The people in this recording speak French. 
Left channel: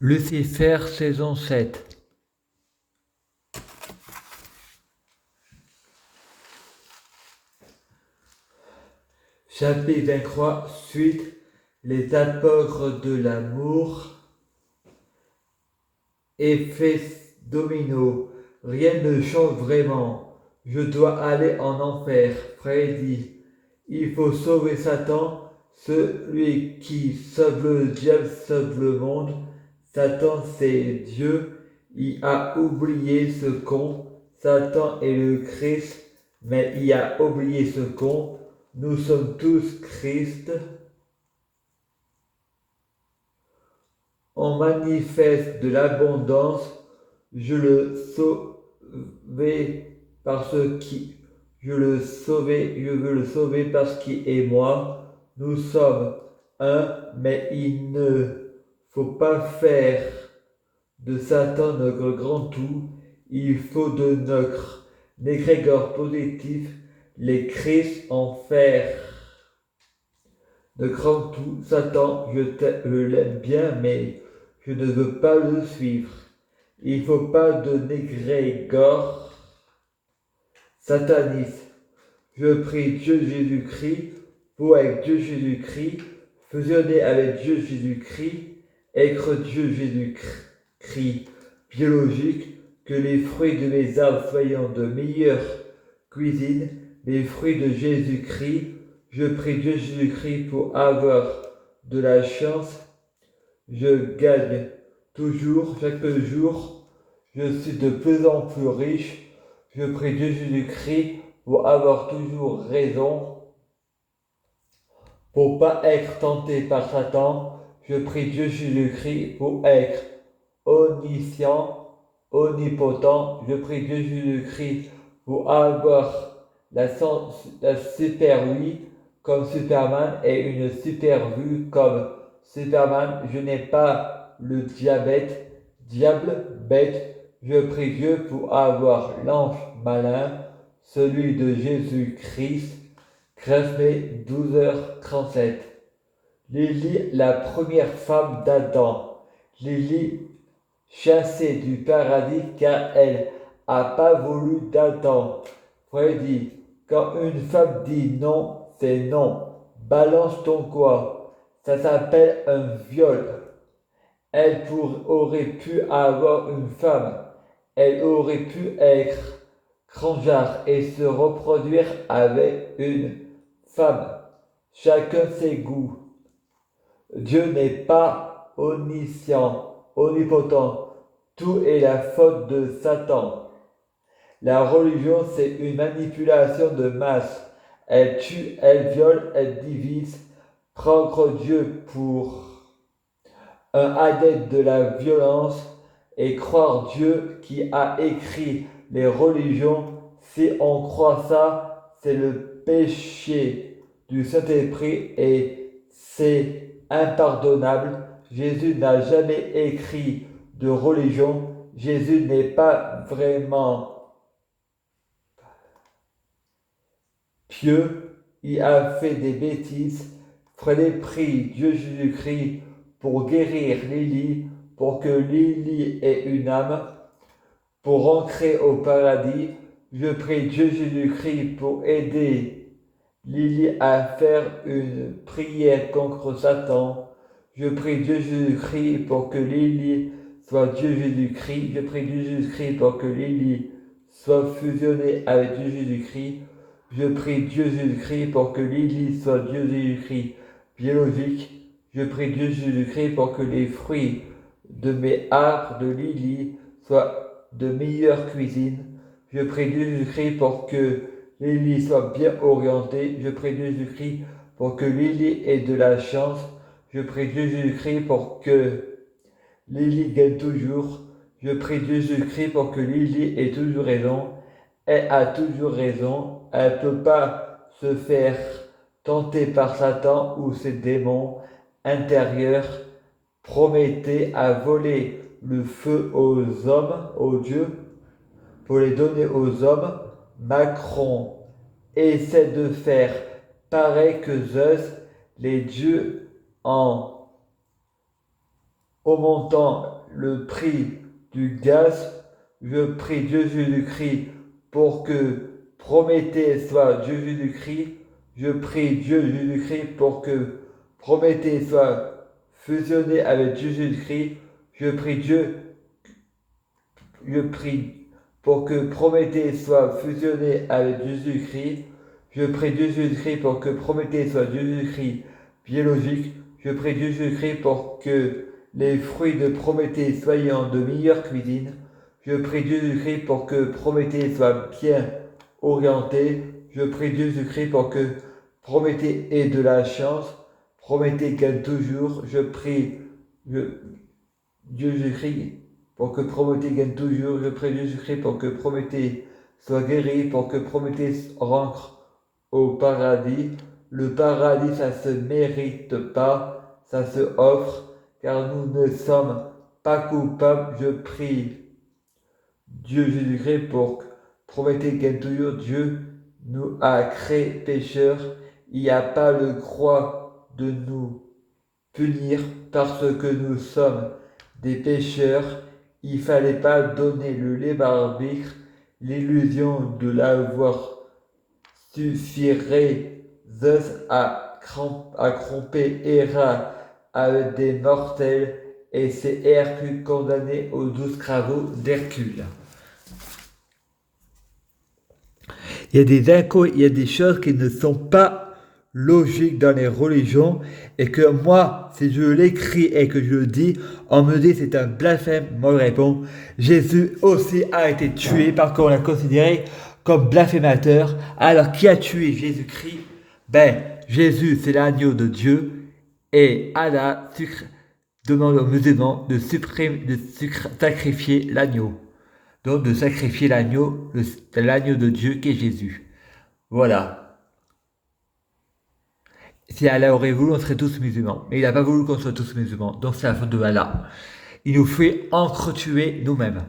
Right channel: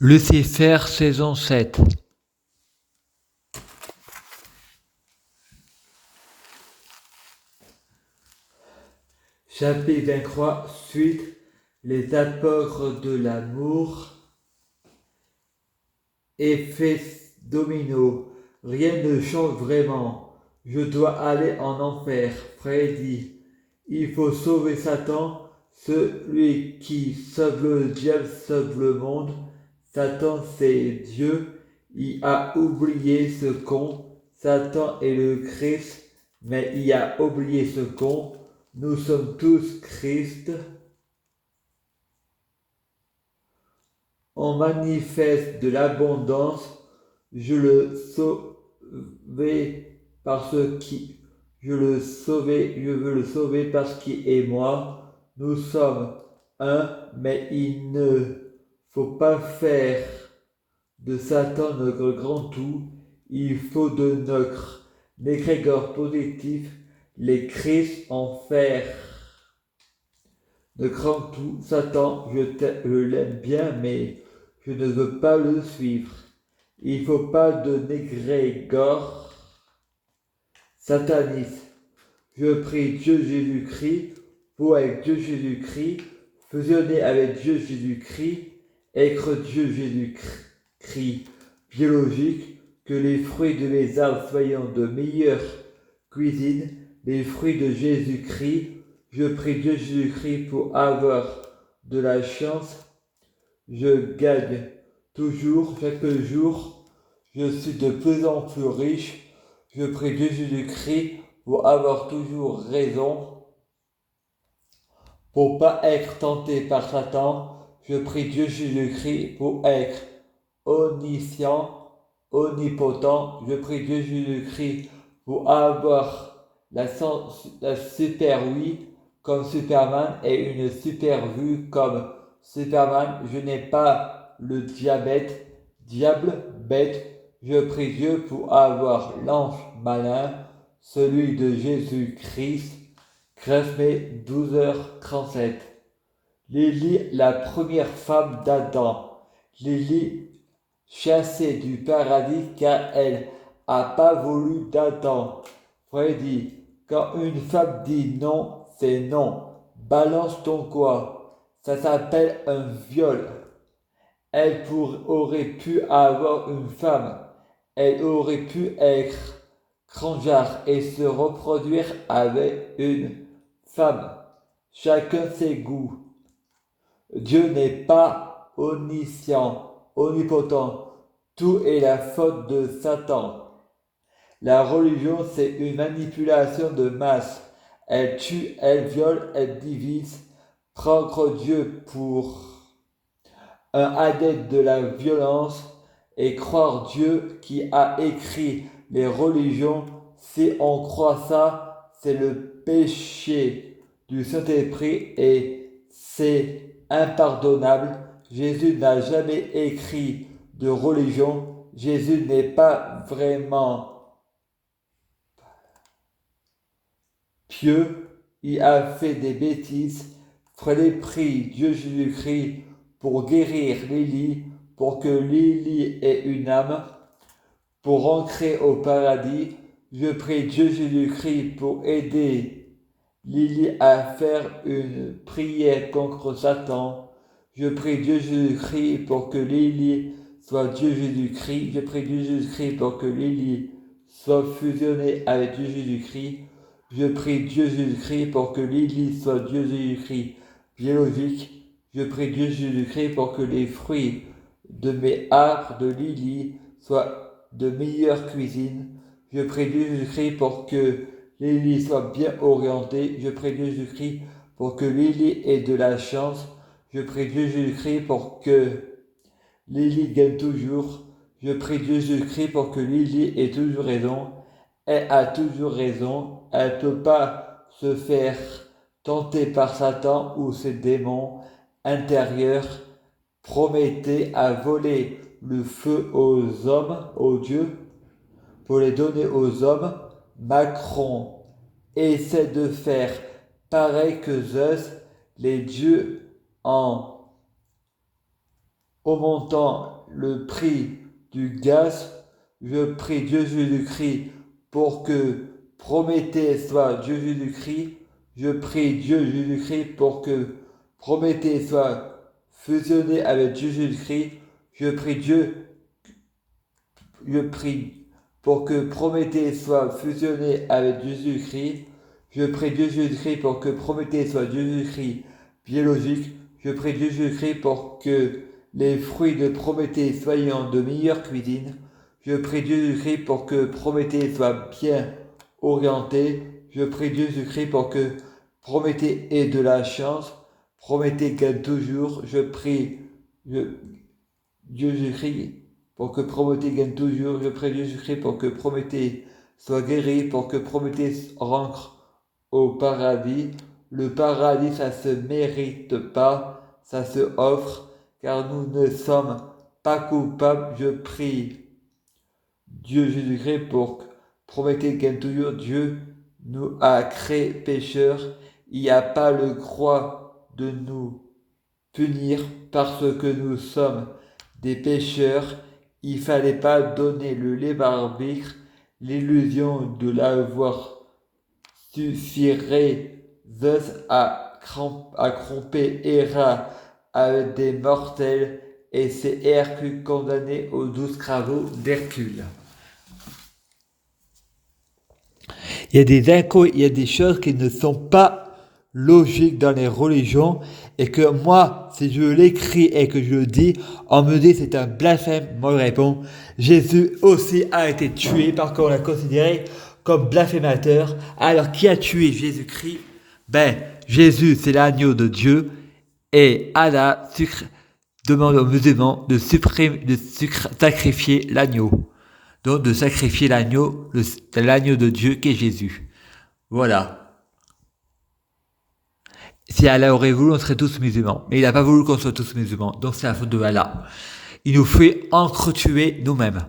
Lucifer saison 7. Chapitre 23, suite, les apôtres de l'amour, effet domino, rien ne change vraiment, je dois aller en enfer, Freddy, il faut sauver Satan, celui qui sauve le diable sauve le monde, Satan c'est Dieu, il a oublié ce con, Satan est le Christ, mais il a oublié ce con, nous sommes tous Christ. On manifeste de l'abondance, je le sauver parce qui je veux le sauver parce qu'il est moi. Nous sommes un, mais il ne faut pas faire de Satan notre grand tout. Il faut de notre égrégore positif les Christ en faire. Ne crains tout, Satan, je l'aime bien, mais je ne veux pas le suivre. Il ne faut pas de négrégore sataniste. Je prie Dieu Jésus-Christ pour avec Dieu Jésus-Christ, fusionner avec Dieu Jésus-Christ, être Dieu Jésus-Christ biologique, que les fruits de mes arbres soient de meilleure cuisine, les fruits de Jésus-Christ. Je prie Dieu Jésus-Christ pour avoir de la chance. Je gagne toujours, chaque jour. Je suis de plus en plus riche. Je prie Dieu Jésus-Christ pour avoir toujours raison. Pour pas être tenté par Satan. Je prie Dieu Jésus-Christ pour être omniscient, omnipotent. Je prie Dieu Jésus-Christ pour avoir la super oui comme Superman et une super vue comme Superman. Je n'ai pas le diable bête. Je prie Dieu pour avoir l'ange malin, celui de Jésus-Christ. Crespé 12h37. Lily, la première femme d'Adam. Lily, chassée du paradis car elle n'a pas voulu d'Adam. Freddy, quand une femme dit non, c'est non. Balance ton quoi. Ça s'appelle un viol. Elle aurait pu avoir une femme. Elle aurait pu être cranjard et se reproduire avec une femme. Chacun ses goûts. Dieu n'est pas omniscient, omnipotent. Tout est la faute de Satan. La religion, c'est une manipulation de masse. Elle tue, elle viole, elle divise. Prendre Dieu pour un adepte de la violence et croire Dieu qui a écrit les religions. Si on croit ça, c'est le péché du Saint-Esprit et c'est impardonnable. Jésus n'a jamais écrit de religion. Jésus n'est pas vraiment pieux, il a fait des bêtises. Fallait prier Dieu Jésus-Christ pour guérir Lily, pour que Lily ait une âme, pour rentrer au paradis. Je prie Dieu Jésus-Christ pour aider Lily à faire une prière contre Satan. Je prie Dieu Jésus-Christ pour que Lily soit Dieu Jésus-Christ. Je prie Dieu Jésus-Christ pour que Lily soit fusionnée avec Dieu Jésus-Christ. Je prie Dieu Jésus-Christ pour que Lily soit Dieu Jésus-Christ biologique. Je prie Dieu Jésus-Christ pour que les fruits de mes arbres de Lily soient de meilleure cuisine. Je prie Dieu Jésus-Christ pour que Lily soit bien orientée. Je prie Dieu Jésus-Christ pour que Lily ait de la chance. Je prie Dieu Jésus-Christ pour que Lily gagne toujours. Je prie Dieu Jésus-Christ pour que Lily ait toujours raison. Elle a toujours raison. Elle ne peut pas se faire tenter par Satan ou ses démons intérieurs. Promettez à voler le feu aux hommes, aux dieux, pour les donner aux hommes. Macron essaie de faire pareil que Zeus, les dieux en augmentant le prix du gaz. Je prie Dieu Jésus-Christ pour que Prométhée soit Dieu Jésus-Christ. Je prie Dieu Jésus-Christ pour que Prométhée soit fusionné avec Dieu Jésus-Christ. Je prie pour que Prométhée soit fusionné avec Jésus-Christ. Je prie Dieu Jésus-Christ pour que Prométhée soit Dieu Jésus-Christ biologique. Je prie Dieu Jésus-Christ pour que les fruits de Prométhée soient de meilleure cuisine. Je prie Dieu Jésus-Christ pour que Prométhée soit bien orienté. Je prie Dieu Jésus-Christ pour que Prométhée ait de la chance. Prométhée gagne toujours. Je prie Dieu Jésus-Christ pour que Prométhée gagne toujours. Je prie Dieu Jésus-Christ pour que Prométhée soit guéri, pour que Prométhée rentre au paradis. Le paradis, ça se mérite pas, ça se offre, car nous ne sommes pas coupables. Je prie Dieu Jésus-Christ pour que Prométhée gagne toujours. Dieu nous a créés pécheurs. Il n'y a pas le droit de nous punir parce que nous sommes des pécheurs. Il ne fallait pas donner le libre arbitre. L'illusion de l'avoir suffirait à tromper Héra avec des mortels, et c'est Hercule condamné aux 12 travaux d'Hercule. Il y a des choses qui ne sont pas logiques dans les religions, et que moi, si je l'écris et que je le dis, on me dit c'est un blasphème. Moi je réponds, Jésus aussi a été tué parce qu'on l'a considéré comme blasphémateur. Alors qui a tué Jésus-Christ? Jésus c'est l'agneau de Dieu, et Allah demande aux musulmans de sacrifier l'agneau. Donc de sacrifier l'agneau de Dieu qui est Jésus. Voilà. Si Allah aurait voulu, on serait tous musulmans. Mais il n'a pas voulu qu'on soit tous musulmans. Donc c'est la faute de Allah. Il nous fait entretuer nous-mêmes.